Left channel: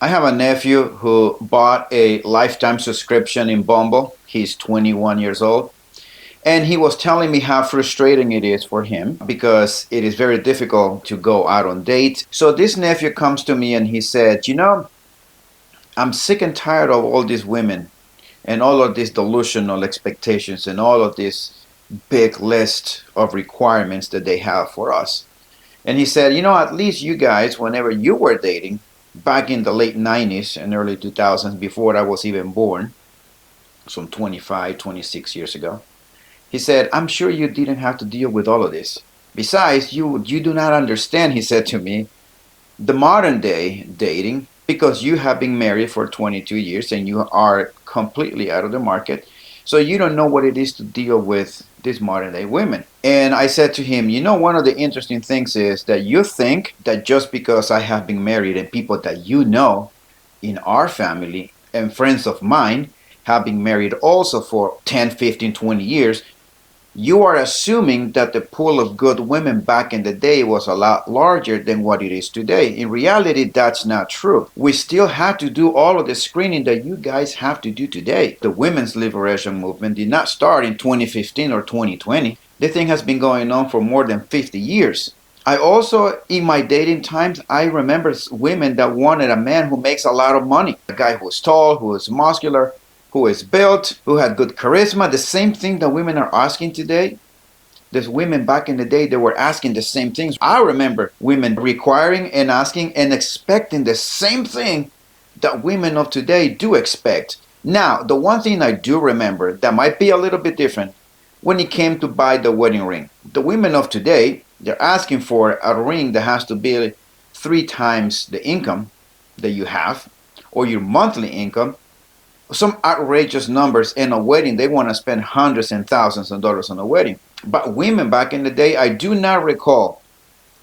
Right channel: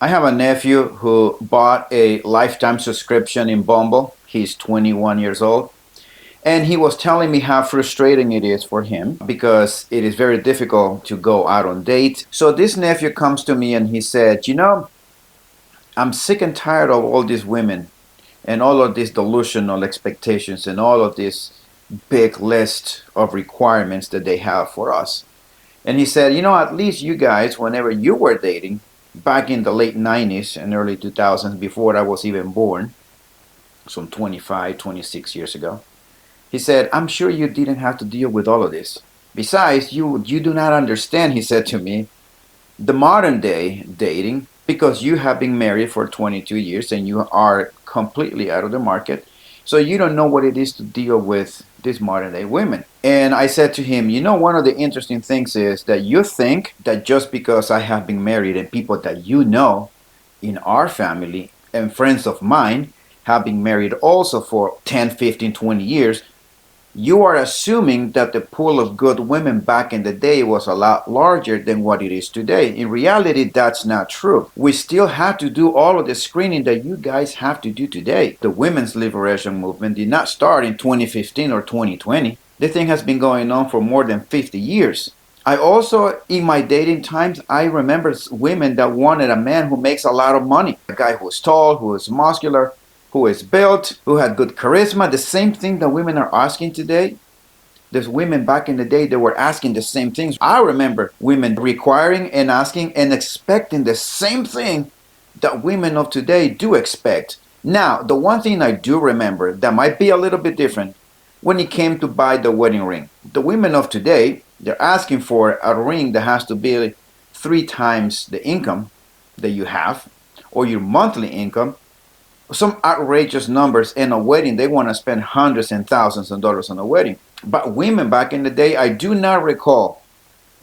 I have a nephew who bought a lifetime subscription in Bumble. He's 21 years old. And he was telling me how frustrating it is for him because it is very difficult to go out on dates. So this nephew comes to me and he said, I'm sick and tired of all these women and all of these delusional expectations and all of this big list of requirements that they have for us. And he said, at least you guys, whenever you were dating, back in the late 90s and early 2000s, before I was even born, some 25, 26 years ago, he said, I'm sure you didn't have to deal with all of this. Besides, you do not understand, he said to me, the modern day dating, because you have been married for 22 years and you are completely out of the market. So you don't know what it is to deal with these modern day women. And I said to him, one of the interesting things is that you think that just because I have been married and people that you know in our family and friends of mine have been married also for 10, 15, 20 years, you are assuming that the pool of good women back in the day was a lot larger than what it is today. In reality, that's not true. We still have to do all of the screening that you guys have to do today. The women's liberation movement did not start in 2015 or 2020. The thing has been going on for more than 50 years. I also, in my dating times, I remember women that wanted a man who makes a lot of money. A guy who is tall, who is muscular, who is built, who had good charisma. The same thing that women are asking today. There's women back in the day that were asking the same things. I remember women requiring and asking and expecting the same thing that women of today do expect. Now, the one thing I do remember that might be a little bit different when it came to buy the wedding ring. The women of today, they're asking for a ring that has to be 3 times the income that you have or your monthly income, some outrageous numbers in a wedding. They want to spend hundreds and thousands of dollars on a wedding. But women back in the day, I do not recall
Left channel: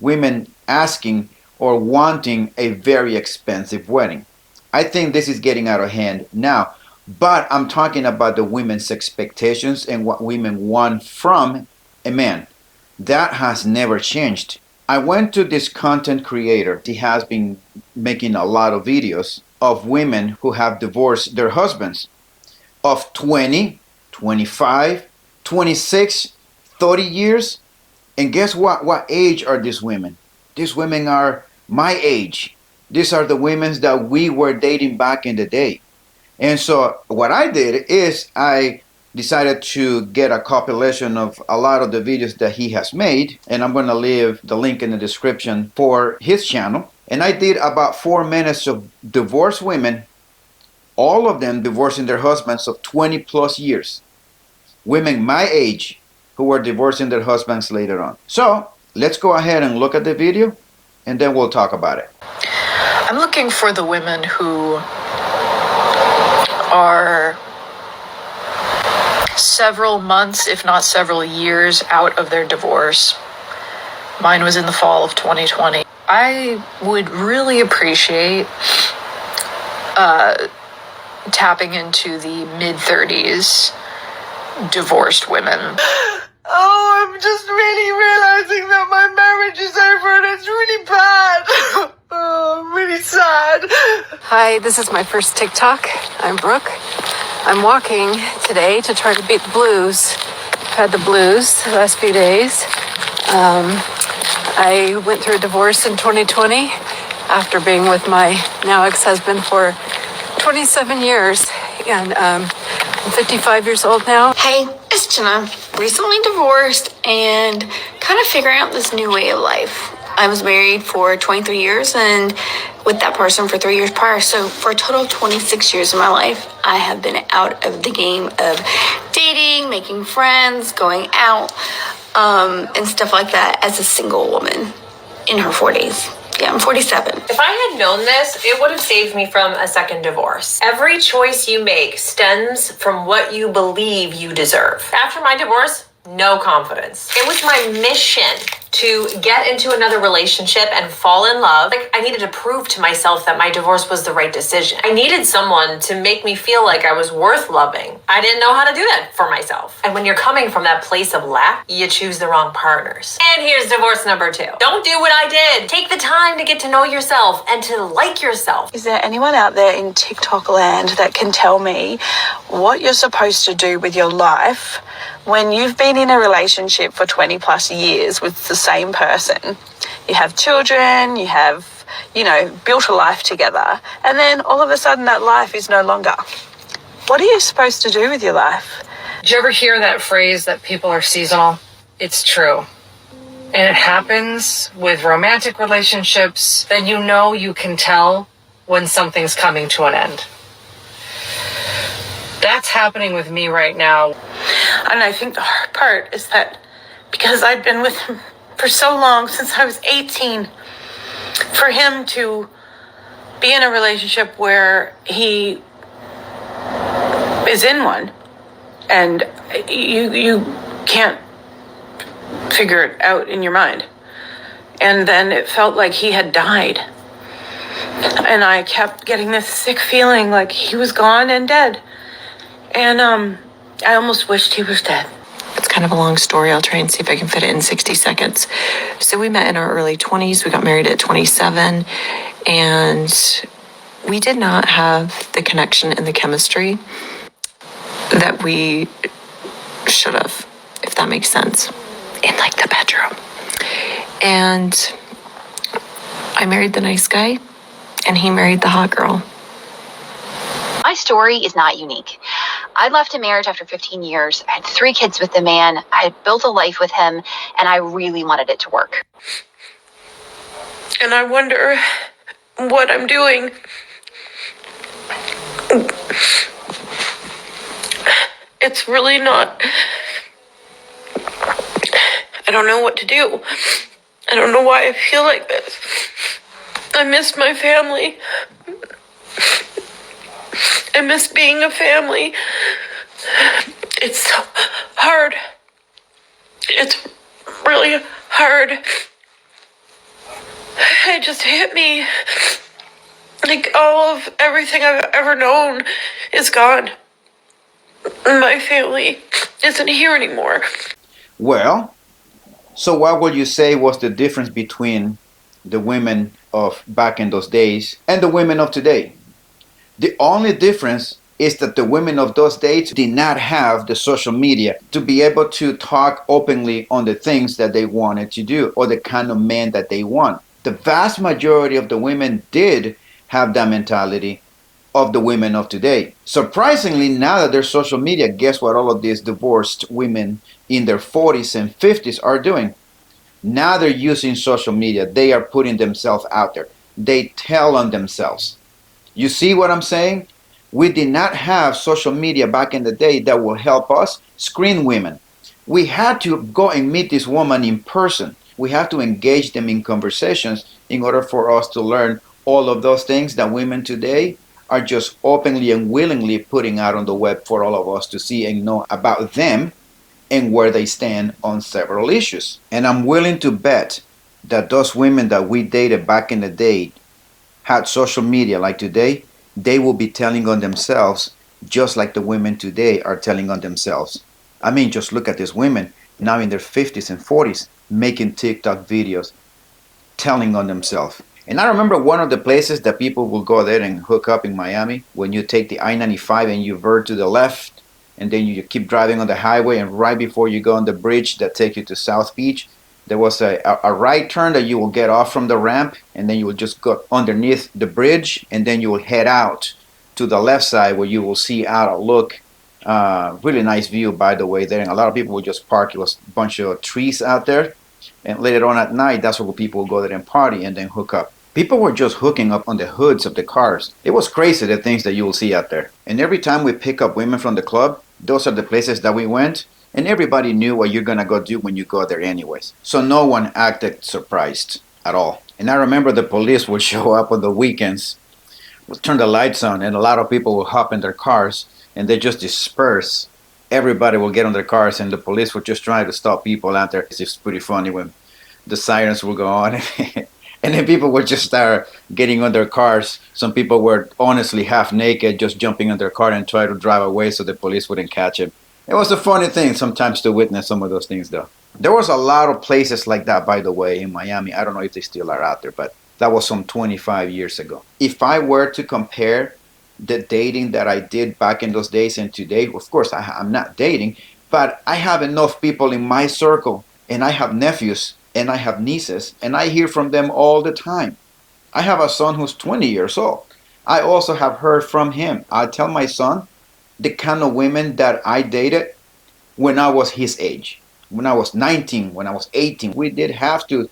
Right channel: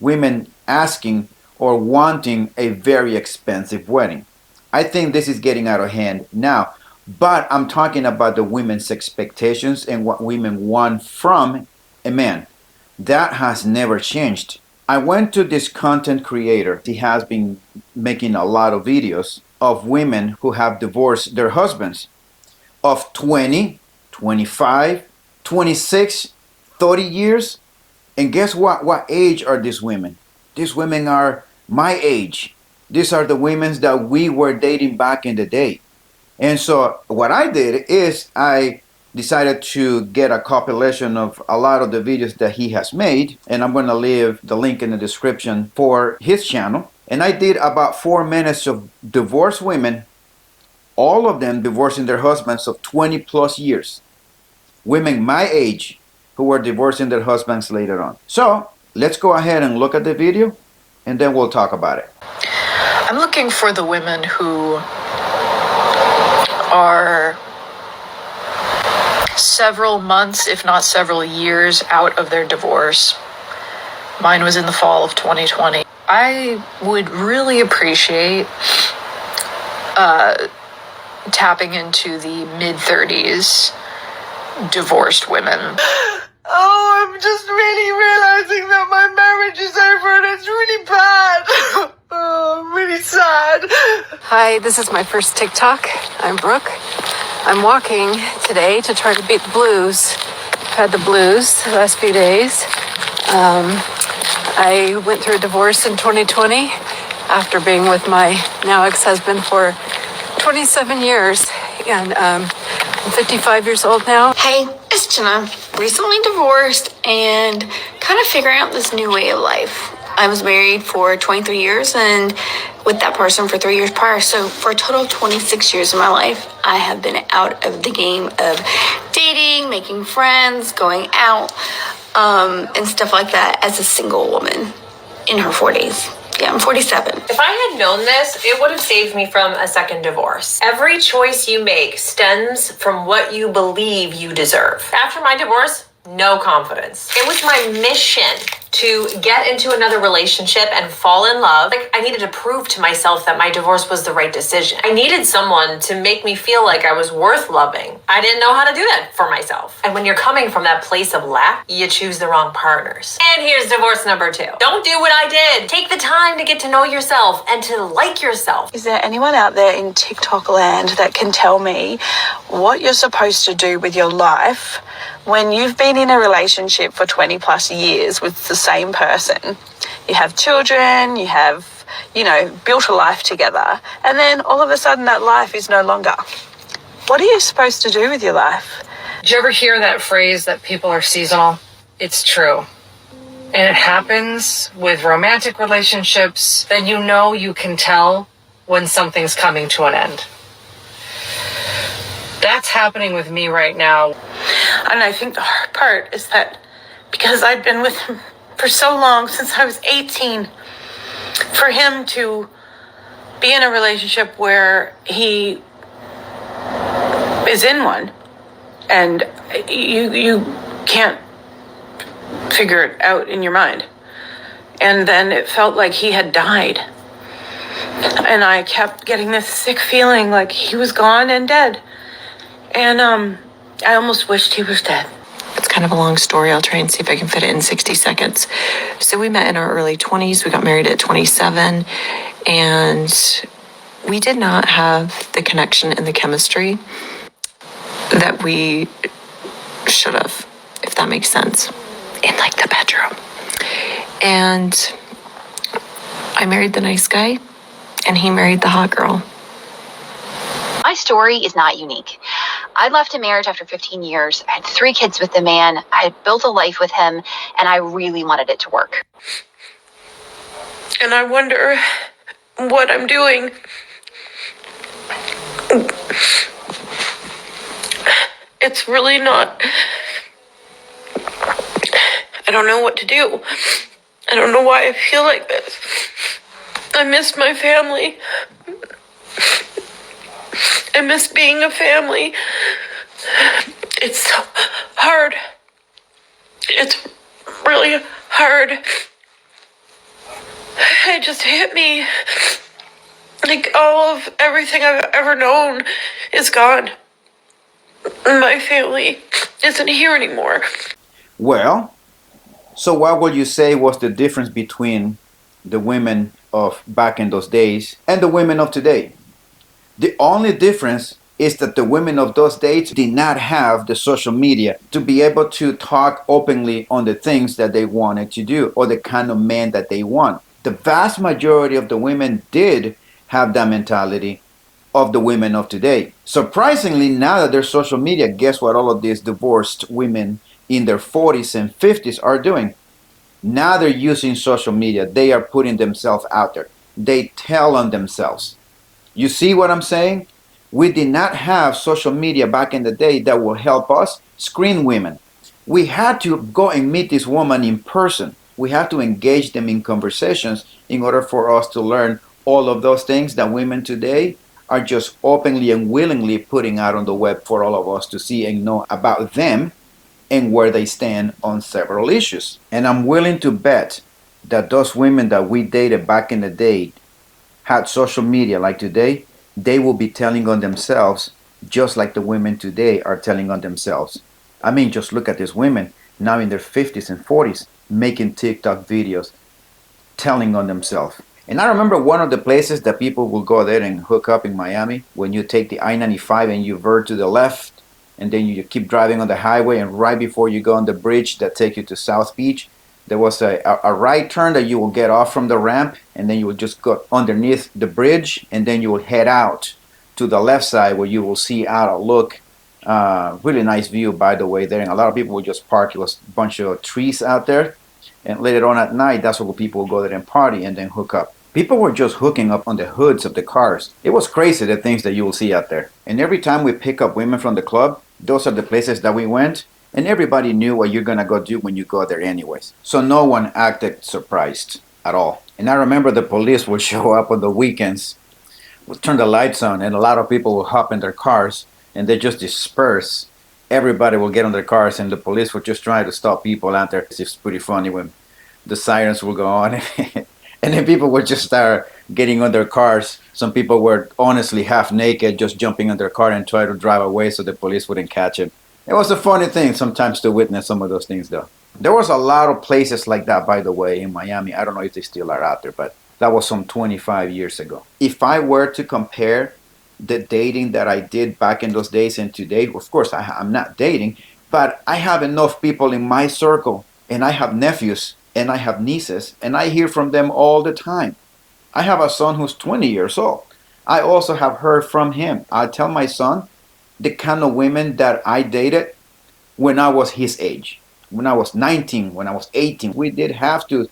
women asking or wanting a very expensive wedding. I think this is getting out of hand now. But I'm talking about the women's expectations and what women want from a man. That has never changed. I went to this content creator. He has been making a lot of videos of women who have divorced their husbands of 20, 25, 26, 30 years. And guess what? What age are these women? These women are my age. These are the women that we were dating back in the day. And so what I did is I decided to get a compilation of a lot of the videos that he has made, and I'm going to leave the link in the description for his channel. And I did about 4 minutes of divorced women, all of them divorcing their husbands of 20 plus years. Women my age who were divorcing their husbands later on. So let's go ahead and look at the video and then we'll talk about it. I'm looking for the women who are several months, if not several years, out of their divorce. Mine was in the fall of 2020. I would really appreciate tapping into the mid-30s divorced women. Oh, I'm just really realizing that my marriage is over and it's really bad. Oh, I'm really sad. Hi, this is my first TikTok. I'm Brooke. I'm walking today to try to beat the blues. I've had the blues the last few days. I went through a divorce in 2020 after being with my now ex-husband for 27 years. And I'm 55 years old now. Hey, it's Jenna. Recently divorced and kind of figuring out this new way of life. I was married for 23 years and with that person for 3 years prior. So for a total of 26 years of my life, I have been out of the game of dating, making friends, going out, and stuff like that as a single woman in her 40s. Yeah, I'm 47. If I had known this, it would have saved me from a second divorce. Every choice you make stems from what you believe you deserve. After my divorce, no confidence. It was my mission to get into another relationship and fall in love. Like, I needed to prove to myself that my divorce was the right decision. I needed someone to make me feel like I was worth loving. I didn't know how to do that for myself. And when you're coming from that place of lack, you choose the wrong partners. And here's divorce number 2. Don't do what I did. Take the time to get to know yourself and to like yourself. Is there anyone out there in TikTok land that can tell me what you're supposed to do with your life when you've been in a relationship for 20 plus years with the same person? You have children, you have, built a life together, and then all of a sudden that life is no longer. What are you supposed to do with your life? Did you ever hear that phrase that people are seasonal? It's true. And it happens with romantic relationships that you can tell when something's coming to an end. That's happening with me right now. And I think the hard part is that because I've been with him for so long, since I was 18, for him to be in a relationship where he is in one and you can't figure it out in your mind. And then it felt like he had died. And I kept getting this sick feeling like he was gone and dead. And I almost wished he was dead. It's kind of a long story. I'll try and see if I can fit it in 60 seconds. So we met in our early 20s. We got married at 27. And we did not have the connection and the chemistry that we should have, if that makes sense, in like the bedroom. And I married the nice guy, and he married the hot girl. My story is not unique. I left a marriage after 15 years. I had 3 kids with the man. I had built a life with him, and I really wanted it to work. And I wonder what I'm doing. It's really not. I don't know what to do. I don't know why I feel like this. I miss my family. I miss being a family. It's so hard. It's really hard. It just hit me. Like all of everything I've ever known is gone. My family isn't here anymore. Well, so what would you say was the difference between the women of back in those days and the women of today? The only difference is that the women of those days did not have the social media to be able to talk openly on the things that they wanted to do or the kind of man that they want. The vast majority of the women did have that mentality of the women of today. Surprisingly, now that there's social media, guess what all of these divorced women in their 40s and 50s are doing? Now they're using social media. They are putting themselves out there. They tell on themselves. You see what I'm saying? We did not have social media back in the day that will help us screen women. We had to go and meet this woman in person. We have to engage them in conversations in order for us to learn all of those things that women today are just openly and willingly putting out on the web for all of us to see and know about them and where they stand on several issues. And I'm willing to bet that those women that we dated back in the day had social media like today, they will be telling on themselves just like the women today are telling on themselves. I mean, just look at these women now in their 50s and 40s making TikTok videos, telling on themselves. And I remember one of the places that people will go there and hook up in Miami, when you take the I-95 and you veer to the left, and then you keep driving on the highway, and right before you go on the bridge that takes you to South Beach, there was a right turn that you will get off from the ramp, and then you will just go underneath the bridge, and then you will head out to the left side where you will see out a look. Really nice view, by the way, there. And a lot of people will just park. It was a bunch of trees out there. And later on at night, that's where people will go there and party and then hook up. People were just hooking up on the hoods of the cars. It was crazy, the things that you will see out there. And every time we pick up women from the club, those are the places that we went. And everybody knew what you're going to go do when you go there anyways. So no one acted surprised at all. And I remember the police would show up on the weekends, would turn the lights on, and a lot of people would hop in their cars and they just disperse. Everybody will get on their cars and the police would just try to stop people out there. It's pretty funny when the sirens will go on. And then people would just start getting on their cars. Some people were honestly half naked, just jumping on their car and try to drive away so the police wouldn't catch them. It was a funny thing sometimes to witness some of those things, though. There was a lot of places like that, by the way, in Miami. I don't know if they still are out there, but that was some 25 years ago. If I were to compare the dating that I did back in those days and today, of course, I'm not dating, but I have enough people in my circle, and I have nephews, and I have nieces, and I hear from them all the time. I have a son who's 20 years old. I also have heard from him. I tell my son the kind of women that I dated when I was his age. When I was 19, when I was 18, we did have to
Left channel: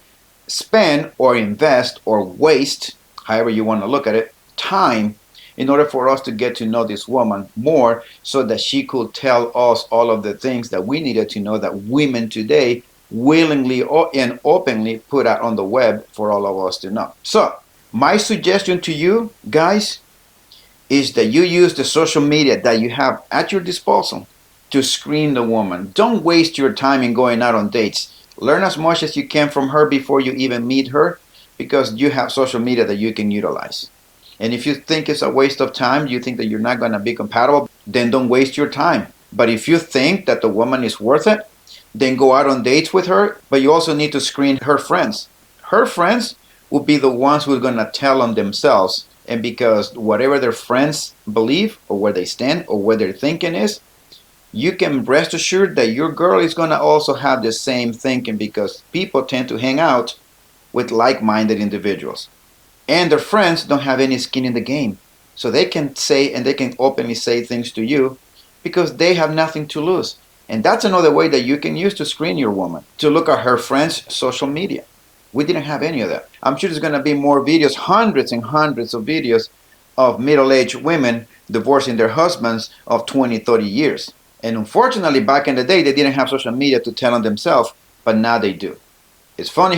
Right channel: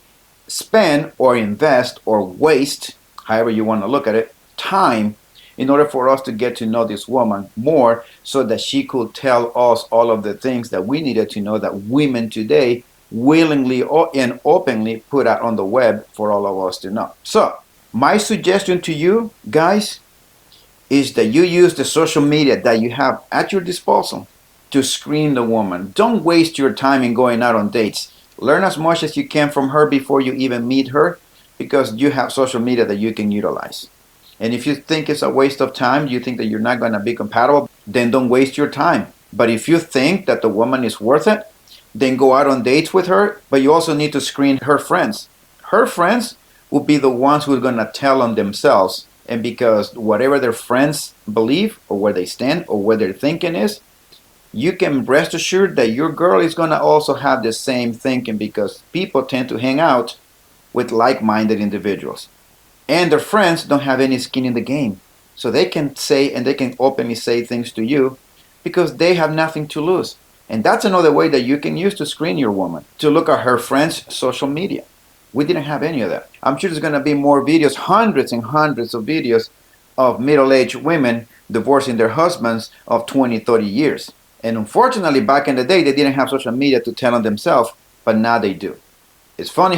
spend or invest or waste, however you want to look at it, time in order for us to get to know this woman more so that she could tell us all of the things that we needed to know that women today willingly and openly put out on the web for all of us to know. So, my suggestion to you guys is that you use the social media that you have at your disposal to screen the woman. Don't waste your time in going out on dates. Learn as much as you can from her before you even meet her because you have social media that you can utilize. And if you think it's a waste of time, you think that you're not going to be compatible, then don't waste your time. But if you think that the woman is worth it, then go out on dates with her, but you also need to screen her friends. Her friends will be the ones who are going to tell on themselves. And because whatever their friends believe or where they stand or where their thinking is, you can rest assured that your girl is going to also have the same thinking because people tend to hang out with like-minded individuals. And their friends don't have any skin in the game. So they can say and they can openly say things to you because they have nothing to lose. And that's another way that you can use to screen your woman, to look at her friends' social media. We didn't have any of that. I'm sure there's going to be more videos, hundreds and hundreds of videos of middle-aged women divorcing their husbands of 20, 30 years. And unfortunately, back in the day, they didn't have social media to tell on themselves, but now they do. It's funny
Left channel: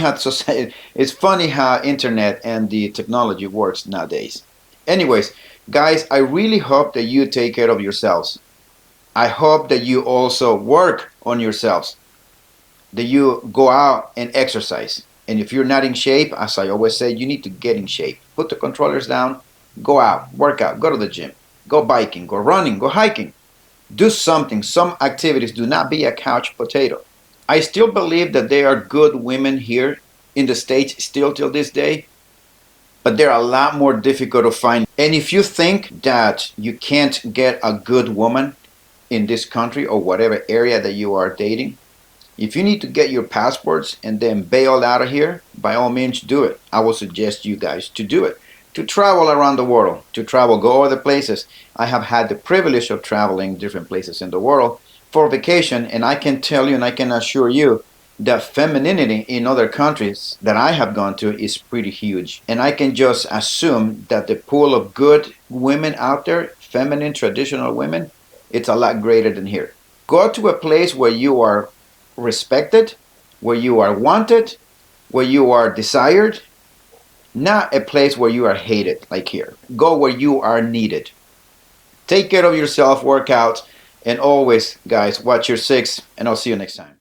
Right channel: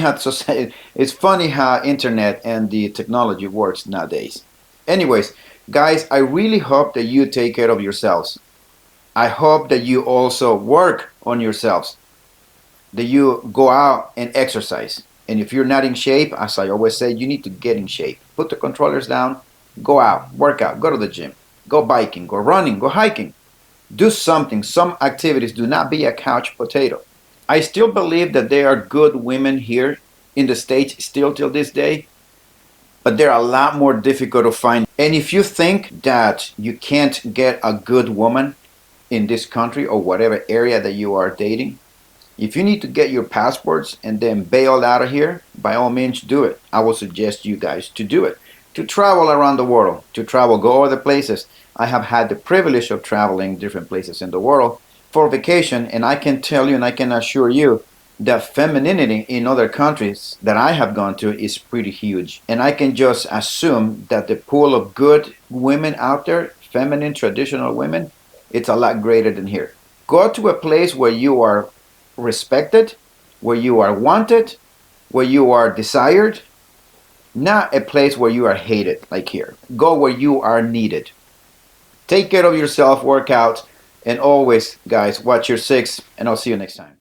how internet and the technology works nowadays. Anyways, guys, I really hope that you take care of yourselves. I hope that you also work on yourselves, that you go out and exercise. And if you're not in shape, as I always say, you need to get in shape. Put the controllers down, go out, work out, go to the gym, go biking, go running, go hiking. Do something, some activities. Do not be a couch potato. I still believe that there are good women here in the States still till this day, but they're a lot more difficult to find. And if you think that you can't get a good woman in this country or whatever area that you are dating, if you need to get your passports and then bail out of here, by all means do it. I will suggest you guys to do it. To travel around the world, to travel, go other places. I have had the privilege of traveling different places in the world for vacation, and I can tell you and I can assure you that femininity in other countries that I have gone to is pretty huge. And I can just assume that the pool of good women out there, feminine, traditional women, it's a lot greater than here. Go to a place where you are respected, where you are wanted, where you are desired, not a place where you are hated like here. Go where you are needed. Take care of yourself, work out, and always, guys, watch your six, and I'll see you next time.